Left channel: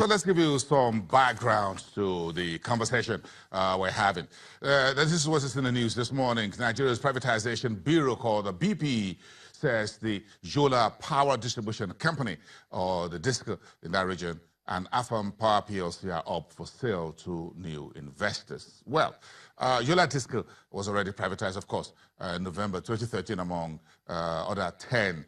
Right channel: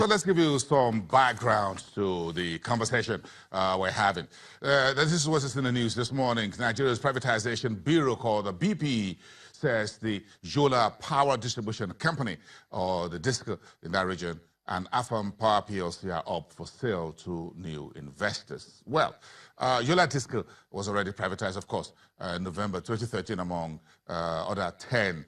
So let's give you some background to the conversation we're having. This is what is in the news this morning. Nigeria's Privatization Bureau, called the BPE, says the Yola Power Distribution Company, or the DISCO in that region, and Afam Power PLC are up for sale to new investors. Well, Yola Disco was already privatized, of course, in November 2013 among other 10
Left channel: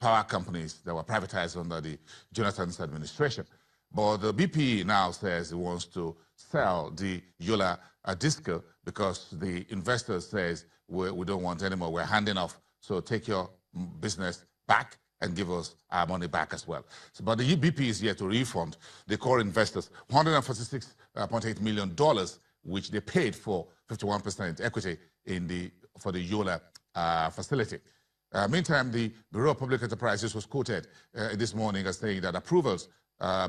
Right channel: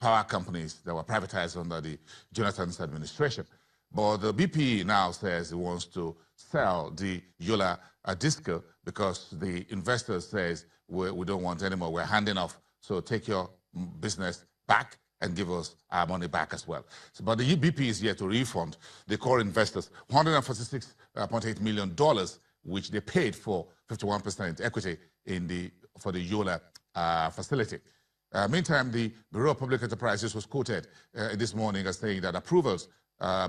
power companies that were privatized under the Jonathan's administration. But the BP now says it wants to sell the Yola Disco because the investor says we don't want anymore, we're handing off, so take your business back and give us our money back as well. So, but the UBP is here to refund the core investors $146.8 million, which they paid for 51% equity for the Yola facility. Meantime, the Bureau of Public Enterprises was quoted this morning as saying that approvals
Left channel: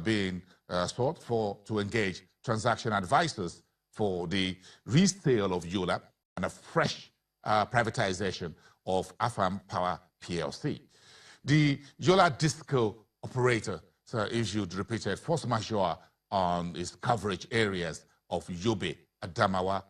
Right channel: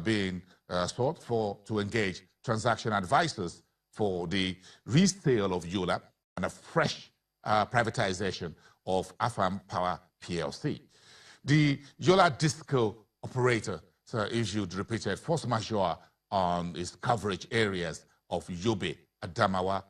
being sought to engage transaction advisors for the resale of Yola and a fresh privatization of Afam Power PLC. The Yola Disco operator issued repeated force majeure on its coverage areas of Yobe, Adamawa,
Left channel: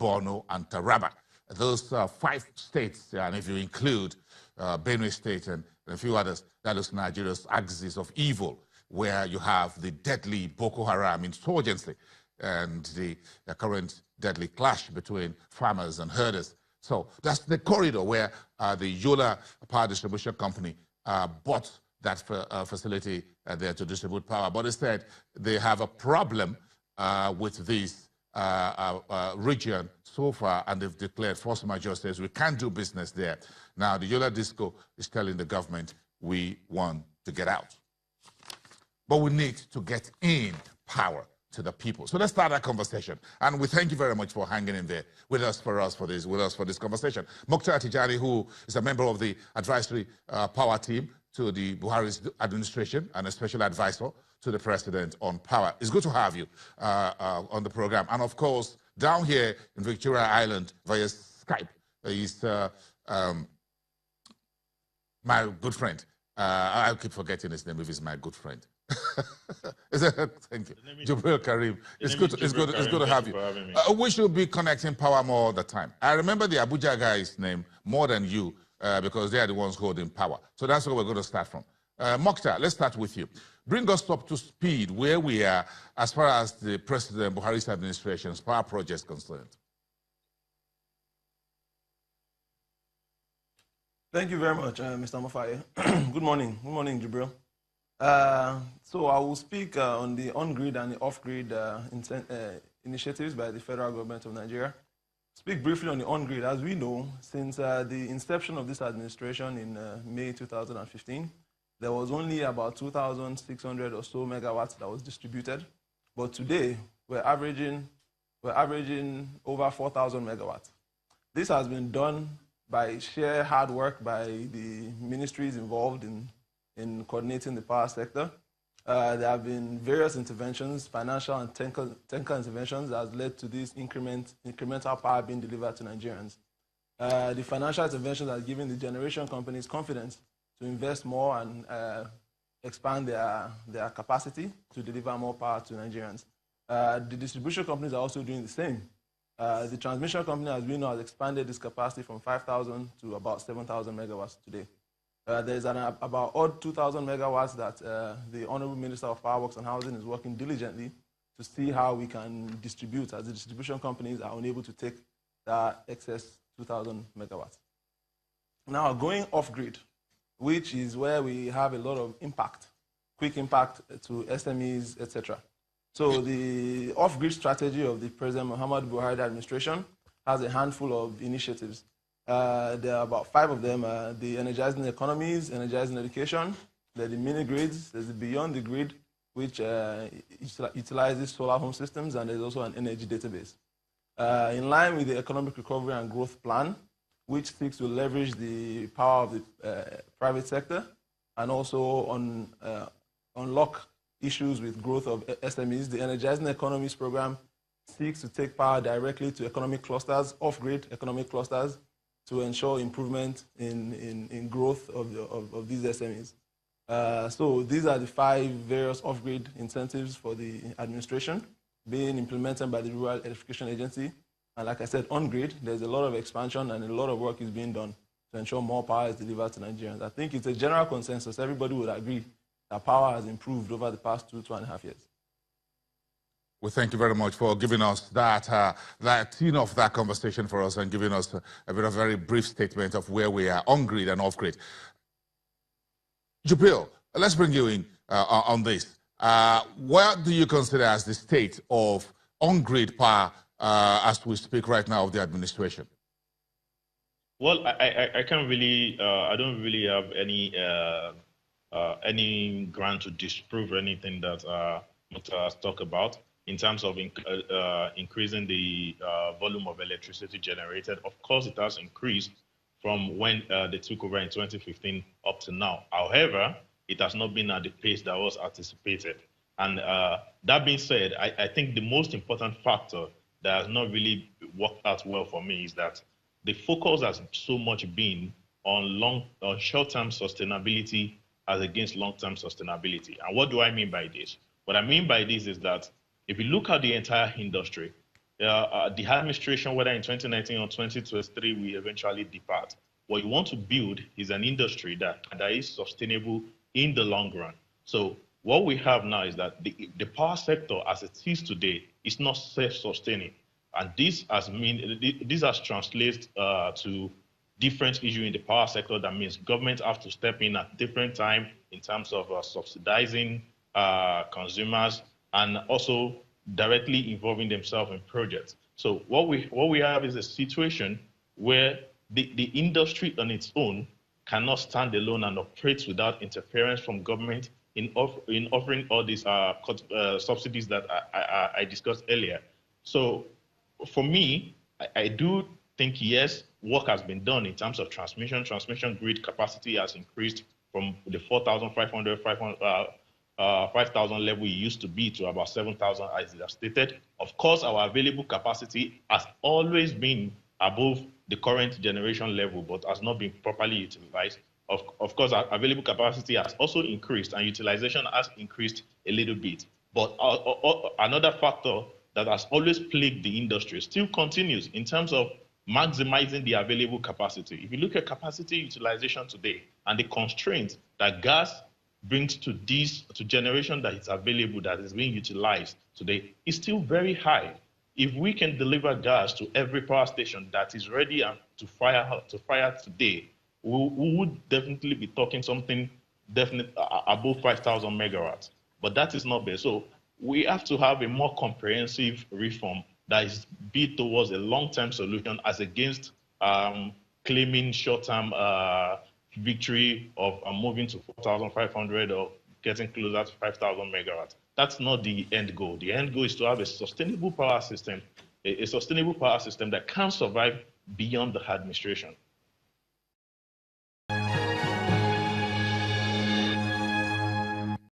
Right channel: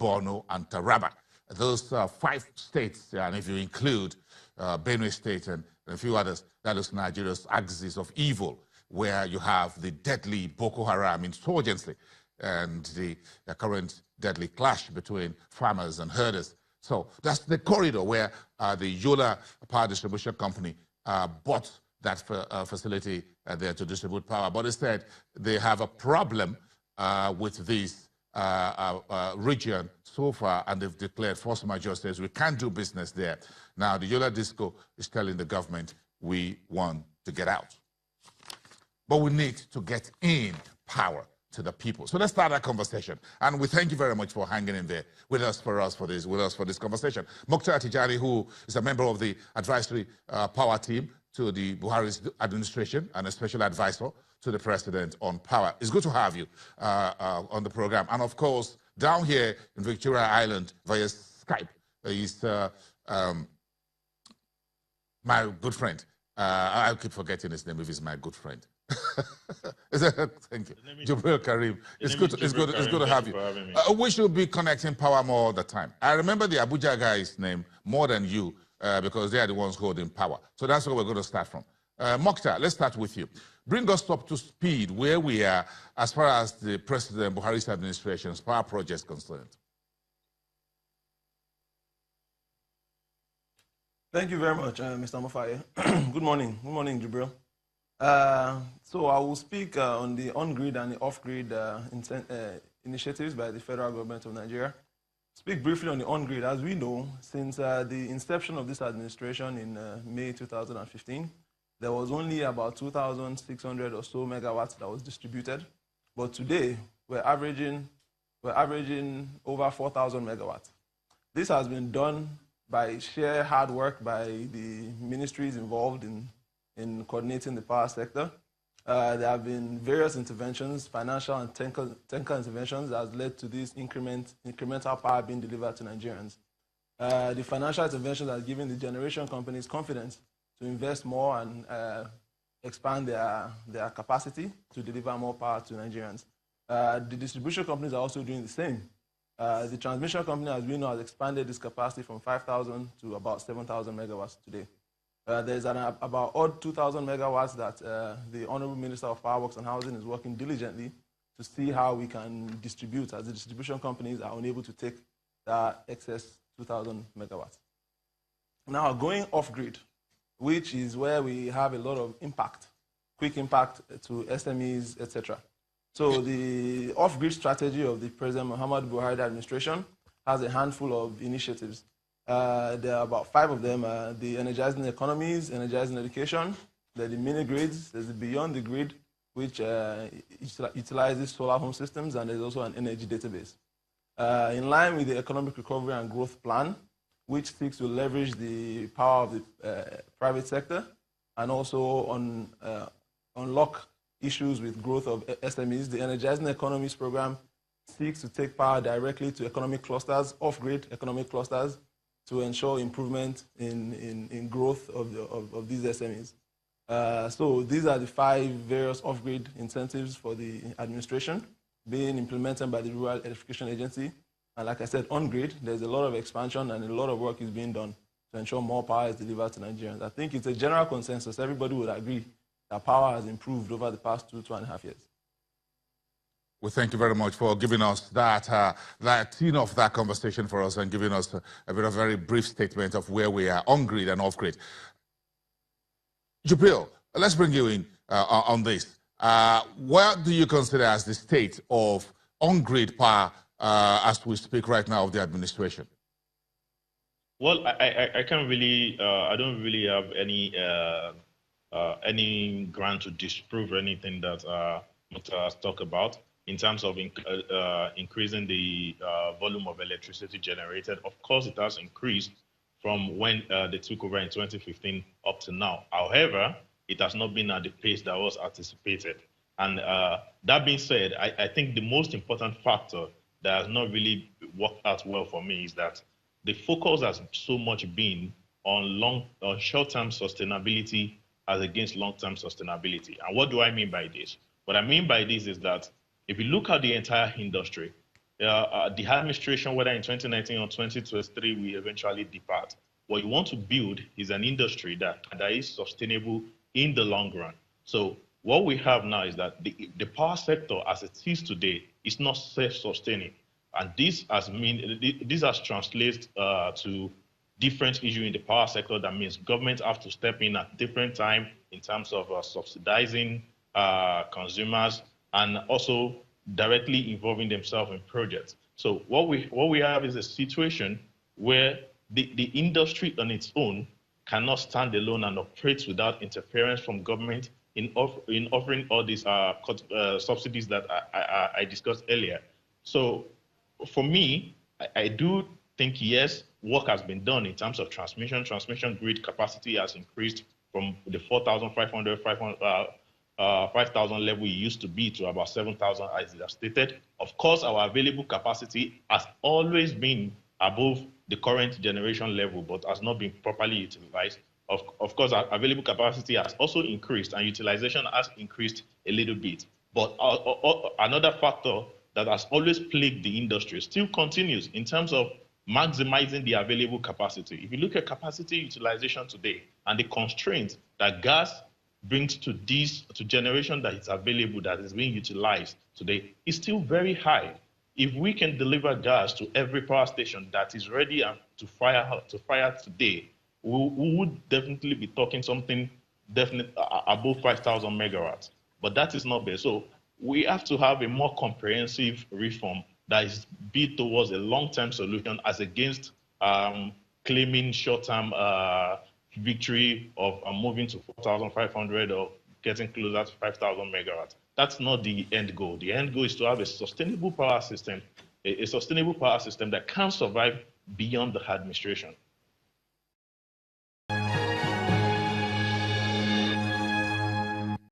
Borno, and Taraba. Those 5 states, and if you include Benue State and a few others, that is Nigeria's axis of evil, where you have the deadly Boko Haram insurgency and the current deadly clash between farmers and herders. So that's the corridor where the Yola Power Distribution Company bought that facility there to distribute power. But instead, they have a problem with this region so far, and they've declared force majeure, says we can't do business there. Now, the Yola Disco is telling the government we want to get out. But we need to get in power to the people. So let's start that conversation. And we thank you very much for hanging in there with us for this conversation. Mukhtaar Tijani, who is a member of the advisory power team to the Buhari's administration and a special advisor to the president on power. It's good to have you on the program. And of course, down here in Victoria Island via Skype is my good friend. I keep forgetting his name if he's my good friend. Thank you. Jubril Karim. It's good to have you. We should be connecting power more all the time. I remember the Abuja guy's name more than you because they are the ones holding power. So that's where we're going to start from. Mukhtaar, let's start with you. Bring us up to speed where we are as far as the President Buhari's administration's power project is concerned. Thank you very much, Mr. Mofaya. Good morning. Good morning, Jubril. So I will speak on the on-grid and the off-grid initiatives by the federal government of Nigeria. Speak briefly on the on-grid. As we know, since the inception of this administration in May 2015, there was only about 2,600 or so megawatts that was distributed. But today, we're averaging over 4,000 megawatts. This has been done by sheer hard work by the ministries involved in coordinating the power sector. There have been various interventions, financial and technical interventions that has led to this incremental power being delivered to Nigerians. The financial interventions are giving the generation companies confidence to invest more and expand their capacity to deliver more power to Nigerians. The distribution companies are also doing the same. The transmission company, as we know, has expanded its capacity from 5,000 to about 7,000 megawatts today. There's about odd 2,000 megawatts that the Honorable Minister of Power Works and Housing is working diligently to see how we can distribute, as the distribution companies are unable to take that excess 2,000 megawatts. Now, going off-grid, which is where we have a lot of impact, quick impact to SMEs, etc. So the off-grid strategy of the President Muhammad Buhari administration has a handful of initiatives. There are about 5 of them. The energizing economies, energizing education, there are the mini grids, there's the beyond the grid, which utilizes solar home systems, and there's also an energy database. In line with the economic recovery and growth plan, which seeks to leverage the power of the private sector and also unlock issues with growth of SMEs, the Energizing Economies program seeks to take power directly to economic clusters, off-grid economic clusters, to ensure improvement in growth of these SMEs. So these are the 5 various off-grid incentives for the administration being implemented by the Rural Electrification Agency. And like I said, on-grid, there's a lot of expansion and a lot of work is being done to ensure more power is delivered to Nigerians. I think it's a general consensus. Everybody would agree that power has improved over the past 2.5 years. Well, thank you very much for giving us that tune of that conversation for us and giving us a bit of a very brief statement of where we are on-grid and off-grid. Jibril, let's bring you in on this. What do you consider as the state of on-grid power as we speak right now of the administration? Well, I can't really, I don't really have any ground to disprove anything that Mukhtaar talked about in terms of increasing the volume of electricity generated. Of course, it has increased from when they took over in 2015 up to now. However, it has not been at the pace that was anticipated. And that being said, I think the most important factor that has not really worked out well for me is that the focus has so much been on short-term sustainability as against long-term sustainability. And what do I mean by this? What I mean by this is that if you look at the entire industry, the administration, whether in 2019 or 2023, will eventually depart. What you want to build is an industry that is sustainable in the long run. So what we have now is that the power sector as it is today is not self-sustaining. And this has translated to different issues in the power sector. That means governments have to step in at different times in terms of subsidizing consumers and also directly involving themselves in projects. So what we have is a situation where the industry on its own cannot stand alone and operate without interference from government in offering all these subsidies that I discussed earlier. So for me, I do think, yes, work has been done in terms of transmission. Transmission grid capacity has increased from the 4,500, 5,000 level it used to be to about 7,000 as it has stated. Of course, our available capacity has always been above the current generation level, but has not been properly utilized. Of course, our available capacity has also increased and utilization has increased a little bit. But another factor that has always plagued the industry still continues in terms of maximizing the available capacity. If you look at capacity utilization today and the constraints that gas brings to generation that is available, that is being utilized today, is still very high. If we can deliver gas to every power station that is ready to fire today, we would definitely be talking something definitely above 5,000 megawatts. But that is not there. So we have to have a more comprehensive reform that is built towards a long-term solution as against claiming short-term victory of moving to 4,500 or getting closer to 5,000 megawatts. That's not the end goal. The end goal is to have a sustainable power system, a sustainable power system that can survive beyond the administration.